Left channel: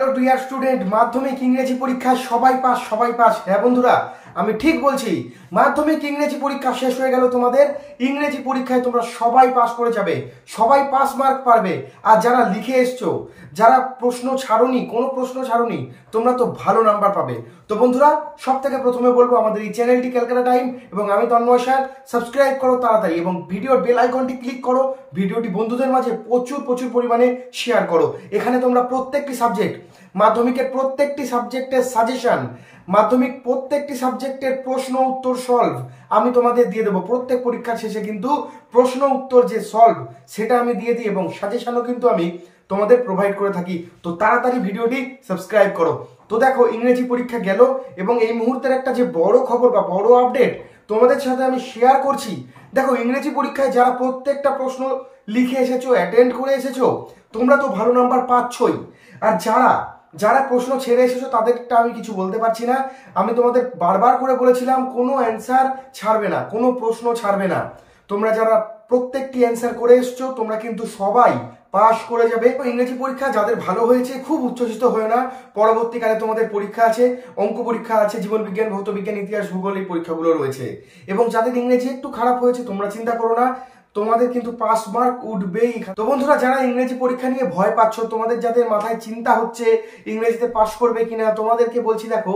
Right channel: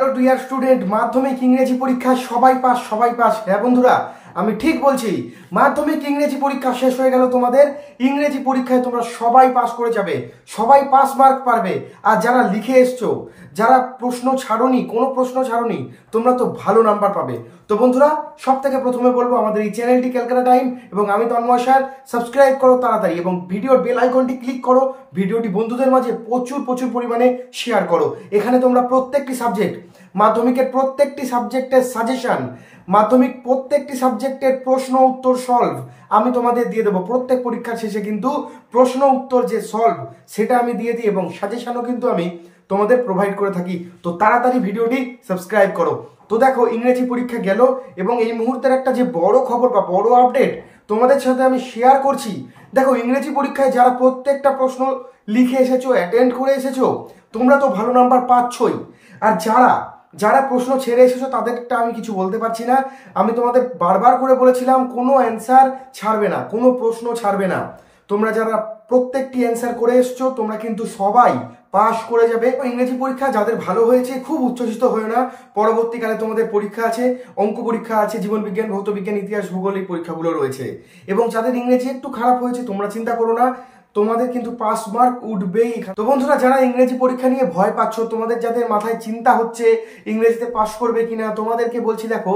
Hello dear student, মাধ্যমিক ইংরেজি পরীক্ষায় সবাই পাস। হ্যাঁ বন্ধুরা, আমি ঠিক বলছি। মাধ্যমিক ইংরেজি পরীক্ষা শেষ হয়ে গেল তোমাদের। ইংরেজি পরীক্ষায় তোমরা সবাই পাস করে যাবে, সবাই পাস মার্ক পারবে। আর যারা লিখে এসছো, যারা প্রশ্ন ছাড়োনি, কোনো প্রশ্ন ছাড়োনি, তোমরা তো ভালো নাম্বার পাবে। তো বন্ধুরা, সব থেকে প্রথমে বলবো আমাদের এই চ্যানেলটি ক্যালকাটা টাইম এবং আমি তন্ময় স্যার, সাবস্ক্রাইব করো তাড়াতাড়ি এবং ভিডিওর বেল আইকনটি ক্লিক করো। ভিডিওটি বন্ধুদের মাঝে প্রচুর পরিমাণে শেয়ার করো। এখানে তোমরা প্রত্যেকটি সাবজেক্ট, মাধ্যমিকের প্রত্যেকটি সাবজেক্টের সাজেশন, মাধ্যমিক প্রত্যেকটি সাবজেক্টের প্রশ্ন উত্তর সলভ আমি তোমাদের দিয়ে দেবো। প্রত্যেক পরীক্ষার শেষে কিন্তু প্রশ্ন উত্তর যে সলভ সেটা আমি দিয়ে দিই এবং সাজেশনও কিন্তু আমি তোমাদের প্রোভাইড করে থাকি। তো তাড়াতাড়ি ভিডিওটি সাবস্ক্রাইব করো। তো দেখো, ইংরেজি পরীক্ষা গেল এবং এই মুহূর্তের একটা যে বড় খবর বা বড় আপডেট তোমাদের সাথে আমি শেয়ার করছি। দেখো, ইংরেজি পরীক্ষায় যারা প্রত্যেকটা প্রশ্ন লিখে এসেছো, অ্যাটেন্ড করে এসেছো, তোমরা তো ভালো নাম্বার পাচ্ছই। আর যারা প্রশ্ন ছেড়ে এসেছো তাদেরটা আমি কিছু বলতে পারছি না। আমি তোমাদের বারবার করে বলেছিলাম কোনো অ্যান্সার ছাড়বে না, কোনো প্রশ্ন ছাড়বে না। তোমরা যারা প্রত্যেকটি অ্যান্সার করে এসছো তোমরা কিন্তু সবাই পাস করে যাবে। ইংরেজি পরীক্ষা যাদের ভালো হয়েছে খুব উচ্ছ্বসিত হয়ে না, পরবর্তীকালে তোমাদের পরীক্ষা আছে, অঙ্ক পরীক্ষা আছে, জীবন বিজ্ঞান, ভৌত বিজ্ঞান, ইতিহাস, ভূগোল, এই পরীক্ষাগুলো রয়েছে। এবং যাদের ইংরেজি একটু খারাপ হয়েছে তোমরা চিন্তা করো না, তোমাদের কিন্তু পাস মার্ক উঠবেই। তো বন্ধুরা, যারা ইংরেজি পরীক্ষা নিয়ে ভয় পাচ্ছ, তোমাদের যাদের মাথায় চিন্তা হচ্ছে ইংরেজিতে পাস করবে কিনা, তোমাদেরকে বলছি দেখো,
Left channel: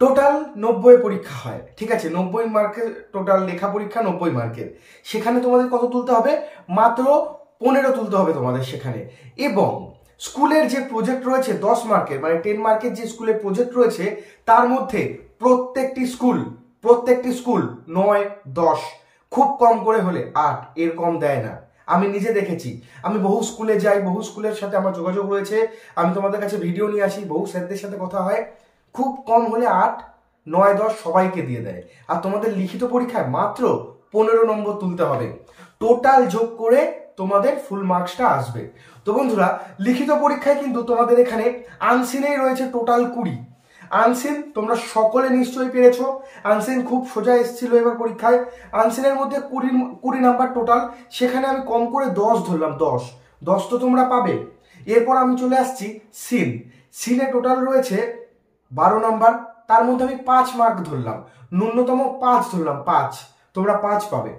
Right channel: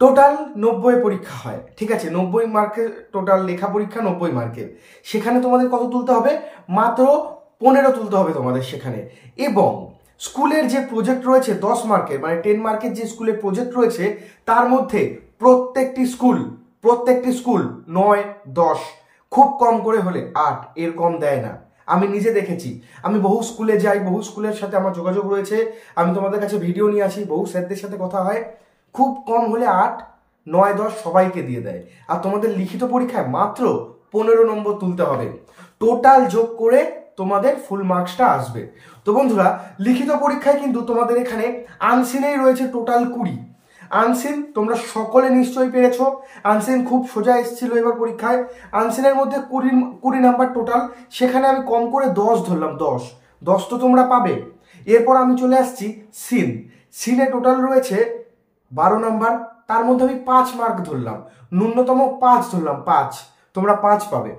টোটাল 90 পরীক্ষা হয়, ঠিক আছে? 90 মার্কের টোটাল লেখা পরীক্ষা, 90 মার্কের। সেখানে তোমাদের কত তুলতে হবে? মাত্র 15 তুলতে হবে তোমাদের সেখানে। এবং স্কুলের যে প্রজেক্ট রয়েছে 10 মার্কের, মানে 10 মার্কের যে স্কুলের প্রজেক্ট রয়েছে, তার মধ্যে প্রত্যেকটি স্কুল 9, 10, খুব কম করে হলে 8, এর কম দেয় না। আমি নিজে দেখেছি, আমি বহু স্কুলে যাই, বহু স্কুলের সাথে আমার যোগাযোগ রয়েছে, আমি তোমাদের কাছে ভিডিও নিয়ে আসি, বহু স্যারদের সাথে কথা হয়, খুব কম হলে 8, 9, 10 সবাইকে দিয়ে দেয়। আর তোমাদের লিখিত পরীক্ষায় মাত্র 15 নম্বর তুলতে হবে। টোটাল যোগ করে তোমাদের ফুল মার্কসটা আসবে। তো বন্ধুরা, লিখিত পরীক্ষায় কিন্তু তোমাদের এখানে আনসিনেই রয়েছে টোটাল 20। আনসিন তোমরা সকলে নিশ্চয়ই পেরেছো। আনসিন খুব সোজা এসেছিল এবার পরীক্ষায়। আনসিনের মধ্যে 20 নাম্বার টোটাল, সেখানে আমি কম করে 10 ধরলাম। 10 তো তোমরা পাবে। এরপর আমি চলে আসছি সিনে টোটাল রয়েছে 12 নাম্বার, তার মধ্যে আমি 5 মার্ক ধরলাম, ন্যূনতম 5 ধরলাম, 5 তোমরা 5 পাবে।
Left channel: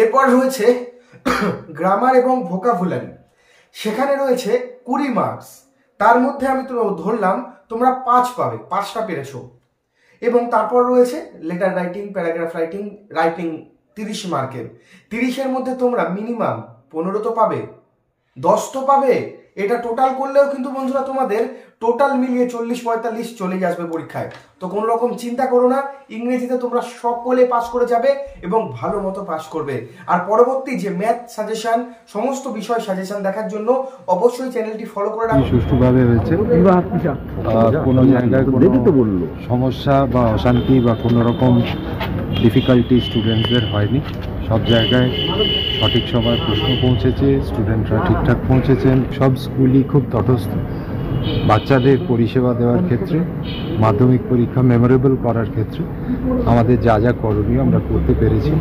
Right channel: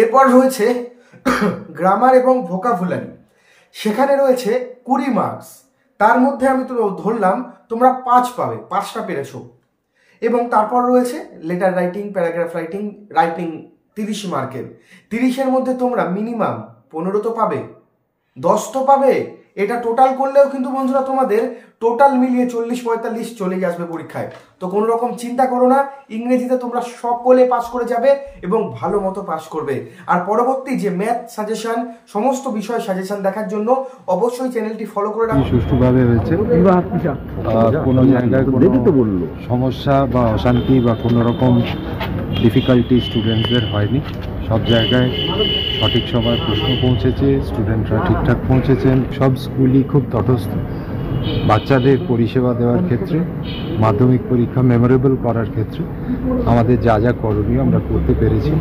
এরপর রয়েছে গ্রামার এবং ভোকাবুলারি, সেখানে রয়েছে 20 মার্কস, তার মধ্যে আমি তো ধরলাম তোমরা 5 পাবে, 5টা পেরেছো। এবং তারপর রয়েছে লেটার রাইটিং, প্যারাগ্রাফ রাইটিং 30 মার্কের। 30-এর মধ্যে তোমরা মিনিমাম 15 তো পাবে, 10 তো পাবে। এটা টোটাল করলেও কিন্তু বন্ধুরা তোমাদের টোটাল মিলিয়ে 40-45 চলেই আসবে পরীক্ষায়। তো কোনো রকম চিন্তা করো না, ইংরেজিতে তোমরা সকলে পাস করে যাবে এবং ভালো মতো পাস করবে। আর পরবর্তী যে ম্যাথ সাজেশন, সমস্ত বিষয় সাজেশন দেখার জন্য অবশ্যই চ্যানেলটি ফলো করে রাখো। সুষ্ঠুভাবে হয়েছে, কোনো জায়গায় কোনো সমস্যা বা অশান্তি বা কোনো রকম ডিফিকাল্টি স্টুডেন্টসদের হয়নি। সব জায়গায় সঠিক সময় প্রশ্ন পৌঁছেছে, স্টুডেন্টরা ঠিকঠাক পৌঁছেছেন। সব স্কুলই খুব তটস্থ বাচ্চাদের পরিষেবা দেওয়ার ক্ষেত্রে, মাধ্যমিক পরীক্ষা মেমোরেবল করার ক্ষেত্রে আমাদের যা করণীয় আমরা করতে পেরেছি।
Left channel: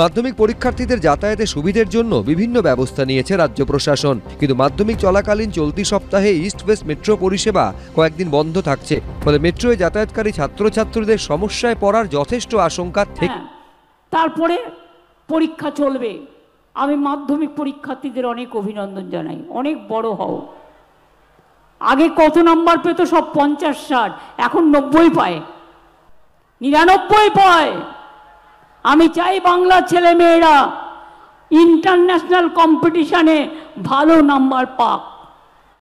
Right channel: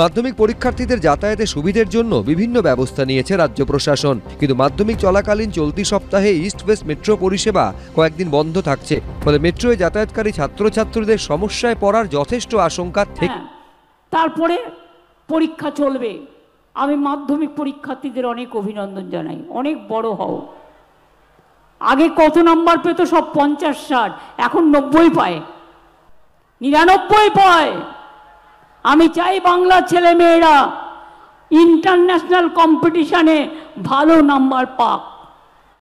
মাধ্যমিক পরীক্ষার্থীদের যাতায়াতের সুবিধের জন্য বিভিন্ন ব্যবস্থা নিয়েছে রাজ্য প্রশাসন, কিন্তু মাধ্যমিক চলাকালীন চলতি সপ্তাহে ইস্ট ওয়েস্ট মেট্রো পরিষেবা কয়েকদিন বন্ধ থাকছে। ফলে মেট্রোয় যাতায়াতকারী ছাত্রছাত্রীদের সমস্যায় পড়ার যথেষ্ট আশঙ্কা থেকে তারপরে পরীক্ষা চলবে। আমি মাধ্যমিক পরীক্ষার্থীদের অনেক অভিনন্দন জানাই, অনেক বড় হও। আগে কত নাম্বার পেত? সব 50-60, এখন 90 পায়, 99 পায়। আমি চাই বাংলার ছেলে মেয়েরা ইন্টারন্যাশনাল কম্পিটিশনে ভালো নাম্বার পাক।